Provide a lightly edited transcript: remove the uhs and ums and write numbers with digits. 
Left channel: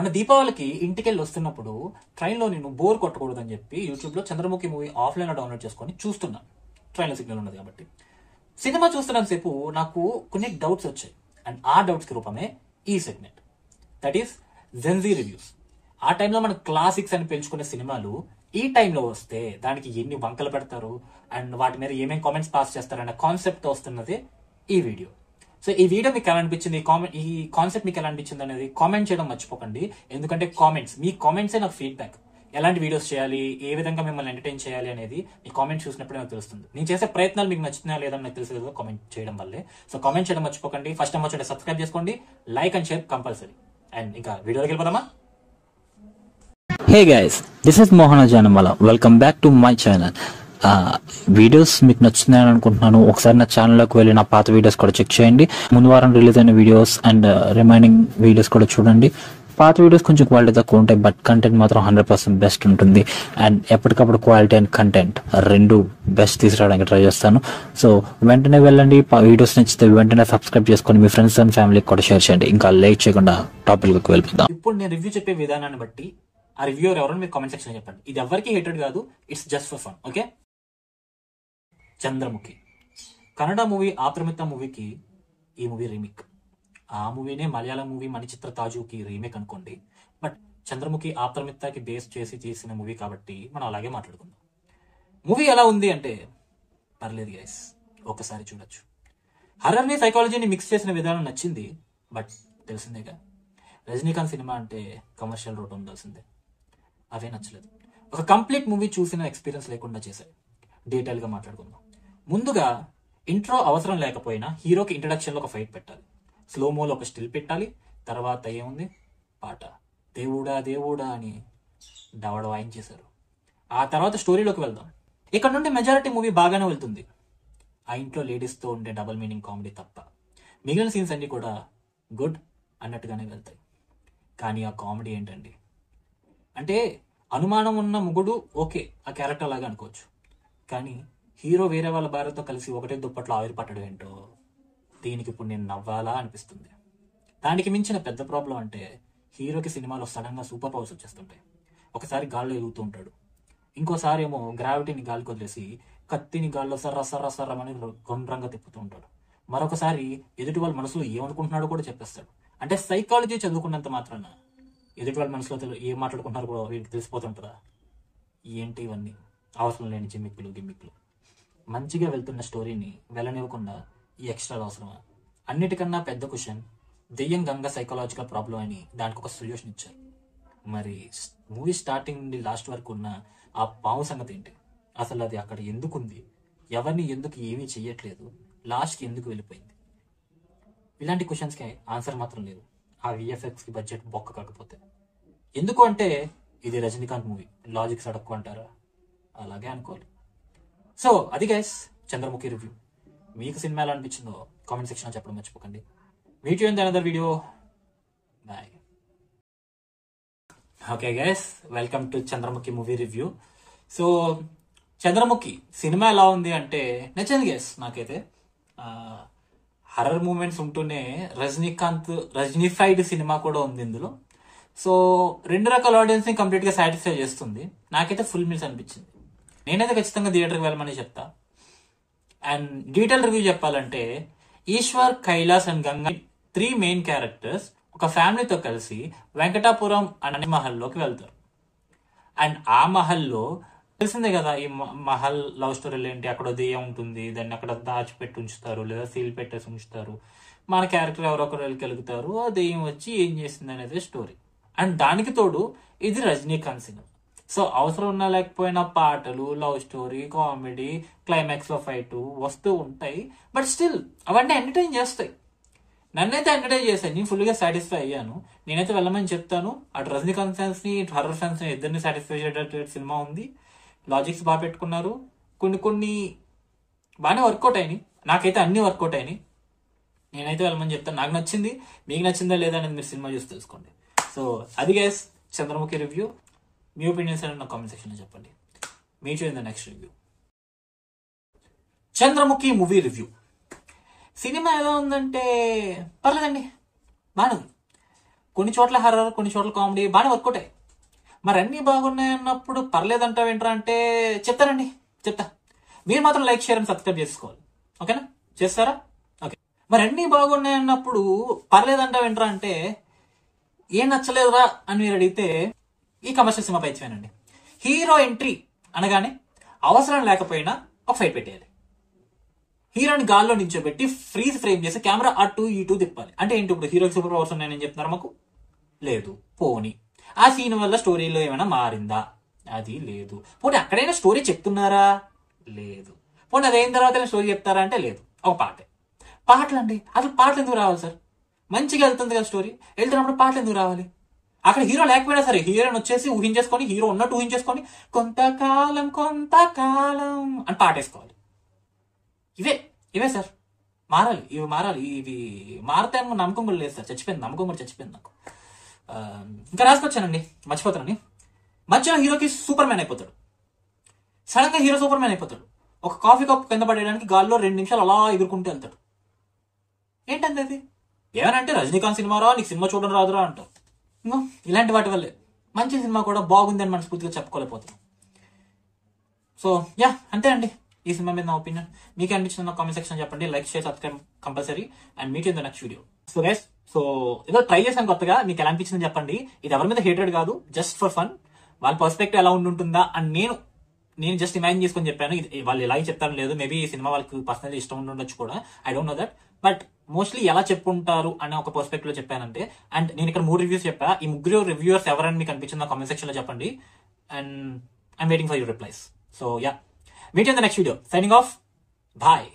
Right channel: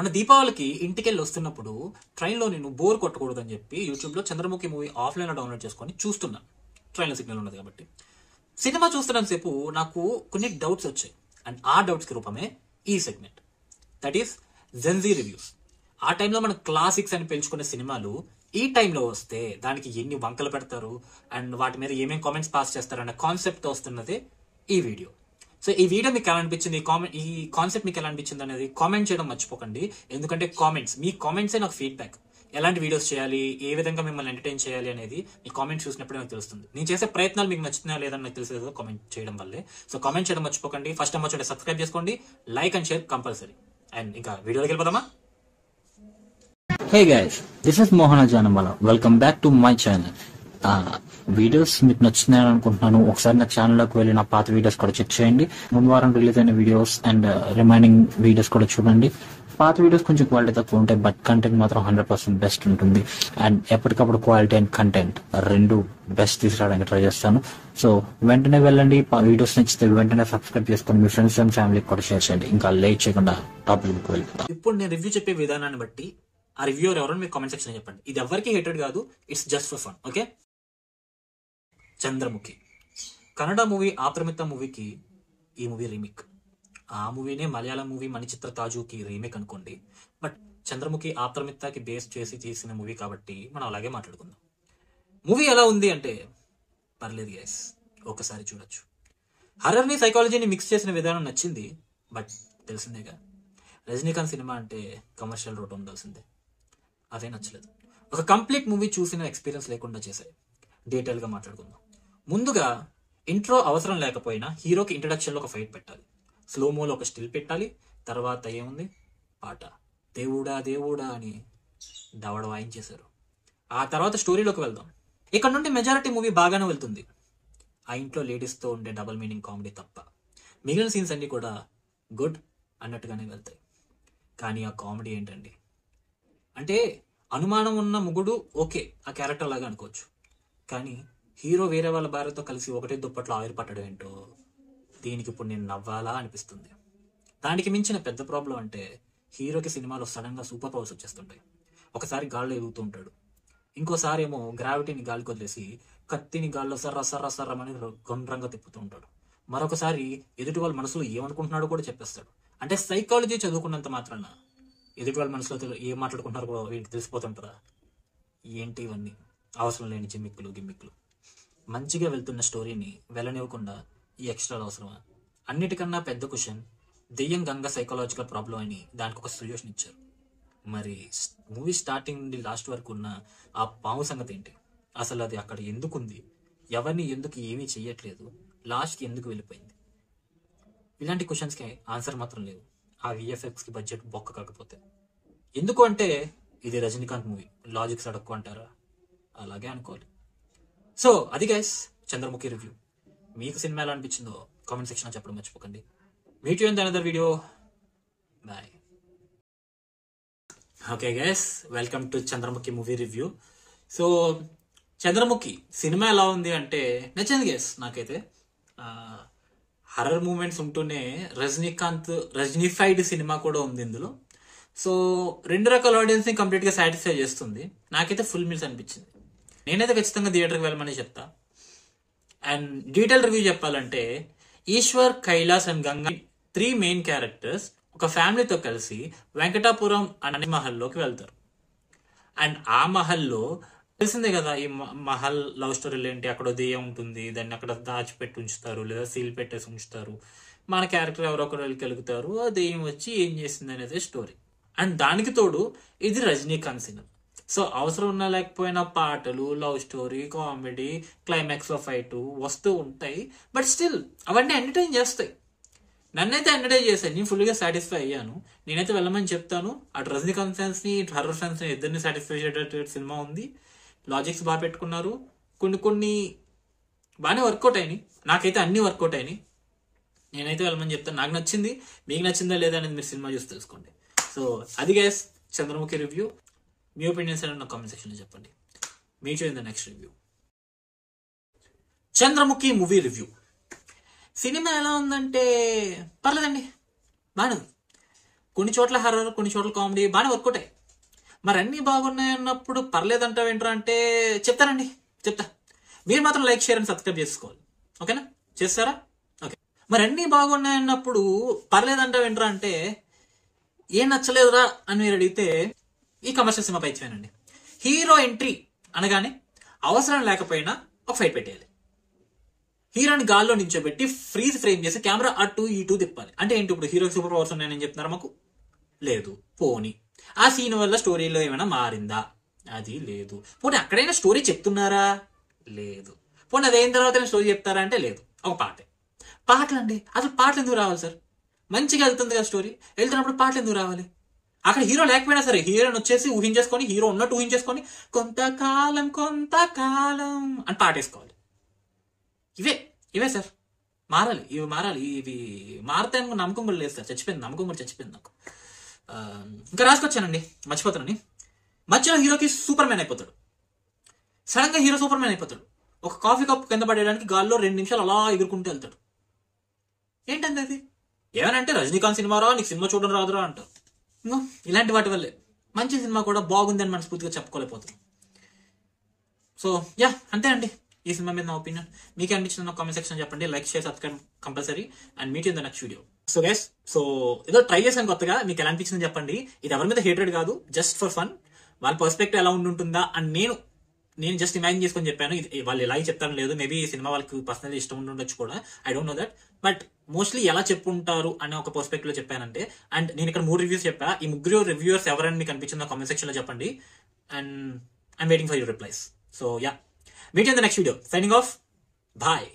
మన దీపావళికి ఇంటికెళ్ళి వస్తున్నప్పుడు ట్రైన్లో నేను బోర్ కొట్టకూడదని చెప్పి యూట్యూబ్లో చంద్రముఖి మూవీ ఆఫ్లైన్లో డౌన్లోడ్ చేసుకొని చూస్తున్నాను. ట్రైన్లో సిగ్నల్ ఉండదు కాబట్టి. సినిమా చూస్తున్నంతసేపు నాకు కొన్ని డౌట్స్ వచ్చాయి. అండ్ ఆ డౌట్స్కి రూపమే ఈ segment, that is Gen Z reviews. ఆ టైంలో మన క్లాసిక్స్ అని పెంచుకునే సినిమాలు ఈ టైంలో వస్తే దానికి ఎన్ని వంకలు పెడతారు అండ్ వాటి మీద ఏమేమి కామెంట్స్ పాస్ చేస్తారు అన్న కాన్సెప్ట్ వస్తున్నది ఈ వీడియో. సో ఈ వీడియో మీకు ఎలా అనిపించింది, ఈ కాన్సెప్ట్ మీకు ఎలా అనిపించింది అనేది కామెంట్ చేయడం మర్చిపోకండి. ఎందుకంటే మీ కామెంట్సే నాకు ఫీడ్బ్యాక్. ఎలాంటి వీడియోస్ చేయాలి, ఏ విధంగా మిమ్మల్ని ఎంటర్టైన్ చేయాలి అనేది మీ కామెంట్ చూసినప్పుడే నాకు తెలుస్తుంది. నేను చేసే ప్రయత్నాలు మీకు నచ్చుతున్నాయా లేదని నాకు తెలిసి కదా కామెంట్ చేయడం వల్లే. సో కామెంట్ చేయడం మర్చిపోకండి. ఫస్ట్ టైం వచ్చి సబ్స్క్రైబ్ చేసుకోండి, like and share compulsory. And ఇంకా వీడియోకి వెళ్ళిపోదామా? Hey guys, this is Mohana Janamala. Welcome back to my channel. Videos మీకు నచ్చుతున్నాయని అనుకుంటున్నాను. ఒకసారి నా ఛానల్లోకి వెళ్ళి నా పాత వీడియోస్ కూడా చెక్ చేయండి. ముందు వారం రిలీజ్ అయిన వీడియోస్ అండ్ రిమైనింగ్ వీడియోస్ కూడా చూడండి. పాత వీడియోస్ కొంచెం క్వాలిటీ తక్కువ ఉంటాయి, బట్ కంటెంట్ మాత్రం 100% బెస్ట్ ఉంటుంది. అండ్ ఎప్పటికప్పుడు క్వాలిటీ అండ్ కంటెంట్ రెండు బెస్ట్ తీసుకురావడానికి ట్రై చేస్తాను. సో వెంటనే వెళ్ళండి, వీడియోస్ నచ్చితే వెంటనే సబ్స్క్రైబ్ చేసుకొని మీ ఫ్రెండ్స్ అండ్ ఫ్యామిలీకి కూడా షేర్ చేయండి. ఇంకా లేట్ చేయకుండా టాపిక్కి వెళ్ళిపోదాం. ఇప్పుడు నేను రివ్యూ చెప్పే విధానాన్ని బట్టి ఆ రివ్యూర్ ఎవరో మీరు కామెంట్ సెక్షన్ చెప్పండి. ఇది ఎవరికి హేటెడ్ కాదు, it's just for fun. Okay, Chandramukhi Kannada movie Apthamitra మూవీకి ఈ మూవీ రీమేక్. ఆ మూవీనే మలయాళం మూవీ మణిచిత్ర తాజుకి రీమేక్ అనుకోండి. బట్ చంద్రముఖి ఆప్రమితకి బేస్ చేసి చేసిన మూవీ కాబట్టి మనం అలాగే మాట్లాడుకుందాం. మూవీ ఎలా ఉంది అంటే పర్లేదు గైస్, ఒకసారి చూడొచ్చు. హర్రర్ని సైకాలజీని మిక్స్ చేసిన విధానం నచ్చింది. బట్ తెలిసిందేగా, రజనీకాంత్ సినిమా అంటే కమర్షియల్ రోడ్ ఉండాల్సిందే. అదే నచ్చలేదు. ఒక కంప్లీట్ మూవీ చూసిన ఎక్స్పీరియన్స్ లేకుండా చేశారు. డీటెయిల్గా మాట్లాడుకుందాం. ముందుగా ఇంట్రో అవసరం లేకపోయినా హీరోకి ఇంట్రడక్షన్లో ఒక ఫైట్ పెట్టాలి, స్లోమోలో ఒక స్టిల్ పెట్టాలి. తర్వాత ఏముంది, పాట దేవుడా దేవుడా అని దవడ వాయించేశారు. ఆ తర్వాత స్టోరీలోకి వెళ్దాం. ఇక్కడ నుండి మెజారిటీ మూవీ బాగానే వెళ్తుంది. ఆ ఇంట్లో లేడీస్తో ఉండే డబుల్ మీనింగ్ కామెడీ తప్ప మిగిలిన సీన్స్ అన్ని కూడా గుడ్ అన్నట్టుగానే వెళ్తాయి. కానీ ఆ కామెడీ ఏంటండి అంటే, అనుమానం ఉన్న మొగుడు ఓకే, ఆ క్యారెక్టర్ లాగా అనుకోవచ్చు. కానీ హీరో వేరే వాళ్ళ భార్యతో కలిసి ఒకటే దుప్పట్లో ఆవిరి పట్టడం ఏంటో, దీనికి ఇప్పుడు నేను నవ్వాలా అనిపిస్తుంది. దానికి మించిన పెద్ద ప్రాబ్లం అంటే, హీరోకి సినిమాలో సడన్గా సూపర్ పవర్స్ వచ్చేస్తుంటాయి. ఒకసారి గాల్లో ఎగుతూ ఉంటాడు, ఇంకోసారి ఏమో గ్రావిటీని గాలికి వదిలేసి కత్తిని గాల్లో సర్ర సర్ర సర్రమని గుండ్రంగా తిప్పుతూ ఉంటాడు. మరొకసారి ఎదుటి వాళ్ళ మనసులో ఏమనుకుంటున్నాడో కూడా చెప్పేస్తాడు. అంటే సైకాలజీ చదువుకున్నంత మాత్రాన ఎదుటి వాళ్ళ మనసులో ఏం మాట్లాడుకుంటారో కూడా వీటికి తెలిసిపోతుంటుందా? ఏంటి ఇవన్నీ అవసరం లేని గిమ్మిక్కులు. మంచిగా వెళ్తున్న స్టోరీని వెళ్ళనివ్వకుండా ఈ ఎక్స్ట్రాలు అవసరమా? అన్నిటికన్నా పెద్ద క్వశ్చన్, దెయ్యం గంగ సైకలాజికల్ ప్రాబ్లం అని దానికి ఒక సొల్యూషన్ ఇచ్చారు. మరి మూవీ స్టార్టింగ్ నుండి లాస్ట్ వరకు ఉన్న ఆ పాము సంగతి ఏంటి? అసలు అది అక్కడ ఎందుకుంది? ఎవరిని ఎందుకు ఏమీ చెయ్యట్లేదు? లాస్ట్కి ఎందుకు వెళ్ళిపోయింది? ఇలాంటి క్వశ్చన్స్కి ఆన్సర్ మాత్రం లేదు. ఆ విఎఫ్ఎక్స్కి బడ్జెట్ బొక్క కాకపోతే. ఎందుకు అంటే ఇది రజనీకాంత్ మూవీ, లాజిక్స్ అడక్కు అంటారా? అలాగే అనుకోవాలి. సో అది గైస్ చంద్రముఖి రివ్యూ. మీకు సినిమా ఎలా అనిపించిందో కామెంట్ సెక్షన్లో చెప్పడం మర్చిపోకండి. Meet you in the another video. Bye. Okay guys, welcome to Chandramukhi movie review. So Chandramukhi cinema ఎలా ఉంది అంటే నచ్చింది గైస్ నాకైతే. హర్రర్ మూమెంట్స్ ఉంటూనే రజనీఫైడ్ సినిమా కూడా ఉంది ఇందులో. సో రెండు రకాల ఆడియన్స్ని కంప్లీట్గా సాటిస్ఫై చేస్తుంది. నాకైతే ఫుల్ మీల్స్ అనిపించింది. నేనైతే ఖచ్చితంగా థియేటర్కి వెళ్ళమని చెప్తా. అండ్ డీటెయిల్ రివ్యూ చెప్పాలంటే, Eshwar, Kailash and Ganga 3 main characters ఒక ఫ్యామిలీతో కలిసి వెంకటాపురం అనే మహల్లోకి వెళ్తారు. అండ్ ఆ మహల్లో తెలిసిందే కదా, ఈ మహల్ లవ్ స్టోరీలు ఏంటి, అక్కడ దెయ్యం ఉంటుంది, దాన్ని అక్కడ దాచిపెట్టి ఉంచుతారు లేదా సీల్ పెట్టేసి ఉంచుతారు. మన క్యారెక్టర్ ఎవరొకరు వెళ్ళగలుగుతారు, ఆ దెయ్యం వచ్చి ఏం చేసింది అనేది స్టోరీ. అండ్ దానికి తోడు ఇది రజనీకాంత్ సినిమా. సో అవసరం ఉన్నా లేకపోయినా పాటలు, లవ్ స్టోరీ, కామెడీ, క్లైమాక్స్లో ఫైట్ వస్తూ ఉంటాయి. బట్ స్టిల్ అవన్నీ ఎంటర్టైన్ చేస్తాయి. నన్నైతే ఎంటర్టైన్ చేశాయి. నేను ఫుల్గా సాటిస్ఫై అయ్యాను. నేనైతే వెళ్ళమని చెప్తాను. అటు రజనీకాంత్ ఫ్యాన్స్ని, ఇటు హర్రర్ ఫ్యాన్స్ని ఇద్దరిని సాటిస్ఫై చేసేటట్టు సినిమా ఉంది. లాజిక్స్ బాగా పెట్టుకున్నారు. కొన్ని బాగానే వర్కౌట్ అయినాయి. నాకైతే అన్ని వర్కౌట్ అయినాయి. నేనైతే వెళ్ళమని చెప్తాను. నాకు నచ్చింది. మీకు నచ్చిందా లేదా అనేది మీరు సినిమా చూసి తెలుసుకోండి. సో అది గైస్ చంద్రముఖి రివ్యూ. మీ ఒపీనియన్స్ అని నా కామెంట్ సెక్షన్లో చెప్పండి. Meet you in the next review. Chandramukhi movie review. Cinema ఎలా ఉందంటే పర్లేదండి, బాగానే ఉంది. కొన్ని చోట్ల హర్రర్, కొన్ని చోట్ల కామెడీ బాగానే వర్కౌట్. మరి అన్ని బాగున్నాయి అన్నప్పుడు పర్లేదంటావు ఏంట్రా అంటే చెప్తానండి, చెప్తా. మీరు మాత్రం లైక్, షేర్ అండ్ సబ్స్క్రైబ్ చేసుకోవాలి. ఓకేనా? చేస్తారా? ఓకే. మరి అన్ని బాగున్నాయి అన్నప్పుడు పర్లేదంటావు ఏంట్రా అంటే ఏం నచ్చలేదురా అని మీరు అడిగితే ఈ కమర్షియల్ సినిమా పైచ్చానండి. హీరో ఎంట్రీ అనగానే అవసరం లేకపోయినా ఒక ఫైట్ పెట్టేయాలి. హీరోని గాల్లో నించోబెట్టి ఫ్రీజ్ ఫ్రేమ్ చేసి కెమెరా అటు ఇటు తిప్పాలి. అంటే ఏంటి, ఇప్పుడు హీరోకి సూపర్ పవర్స్ ఉన్నాయని చెప్తున్నారు మాకు? లేదు. పోనీ ఆ సీన్ వల్ల స్టోరీలో ఏమైనా మారిందా? అది లేదు. పోనీ అక్కడైనా స్టోరీ చెప్తున్నారా? లేదు. పోనీ అది అయిన తర్వాత స్టోరీ చెప్తారా అంటే లేదు. ఒక పాటలు అండి, అసలు పాటలు ఎందుకు రావాలి సార్? మంచిగా వెళ్తుంది కదా స్టోరీ, వెళ్తున్నప్పుడు పాటలు ఎందుకు రావాలి? అక్కడ హీరో లేకపోయినా సరే హీరోని వచ్చేసి ఊహించేసుకొని, హీరో ఉన్నట్టు ఊహించేసుకొని కొంతకాలం అని పాటేసుకోవాలి. ఇవే సార్ మారాలి. ఇవి మారాలి. ఇవి మారుతాయని నమ్మకం కూడా లేదు సార్. చచ్చిపోయింది నమ్మకం కూడా, చచ్చిపోయింది నాకు. ఇంకా రాసుకొచ్చానండి, మర్చిపోతానని. మధ్యలో హీరోకి సూపర్ మ్యాన్ అయిపోతాడు. సడన్ గా హీరో సూపర్ మ్యాన్ అయిపోతాడు. ఒక కాఫీ కప్ కింద పడేయడానికి గాల్లో 2 నిమిషాలు అలా ఎగురుకుంటూ వెళ్తాడు. ఏంటంటే అది ఏమనంటే రజనీకాంత్ సినిమా రా, నీకు సినిమా చూడడం రాదురా అంటారు. ఇలాంటి వాటి వల్లే మంచి సినిమా కూడా బాగుంది అని మనస్ఫూర్తిగా చెప్పుకోలేకపోతాం. సో యా, అంతే అండి ఈ సినిమా మీద నా ఒపీనియన్. మీకు అనిపించిన కామెంట్ సెక్షన్ చెప్పండి. Like, share, subscribe compulsory. And meet in the next video. So guys, so ఏదో ట్రై చేశాను కొత్తగా, మీకు ఎలా అనిపించిందని చెప్పండి. ఇది ఎవరి మీద హేటెడ్ కాదు, జస్ట్ ఫర్ ఫన్. వాళ్ళ పర్స్పెక్టివ్ ఎలా ఉంటుందా అని నేను జస్ట్ ఇమాజిన్ చేసుకొని చెప్పాను. ఇది వాళ్ళు ఎలా చెప్తారు లేదు, మేబీ ఈ సినిమా వాళ్ళకి పర్సనల్ ఇష్టం ఉండొచ్చు కూడా, I don't know that. But mostly ఎలా చెప్పుంటారు అనే ఒక పర్స్పెక్టివ్ లో చెప్పానంటే. అండ్ నేను ఇక్కడ 3 రివ్యూస్ చెప్పా. ఈ 3 రివ్యూవర్స్ ఎవరైనా మీకు అనిపించిన కామెంట్ సెక్షన్ లో చెప్పండి. And I'm waiting for your replies. So yeah, meet you in the next video. Signing off. Bye.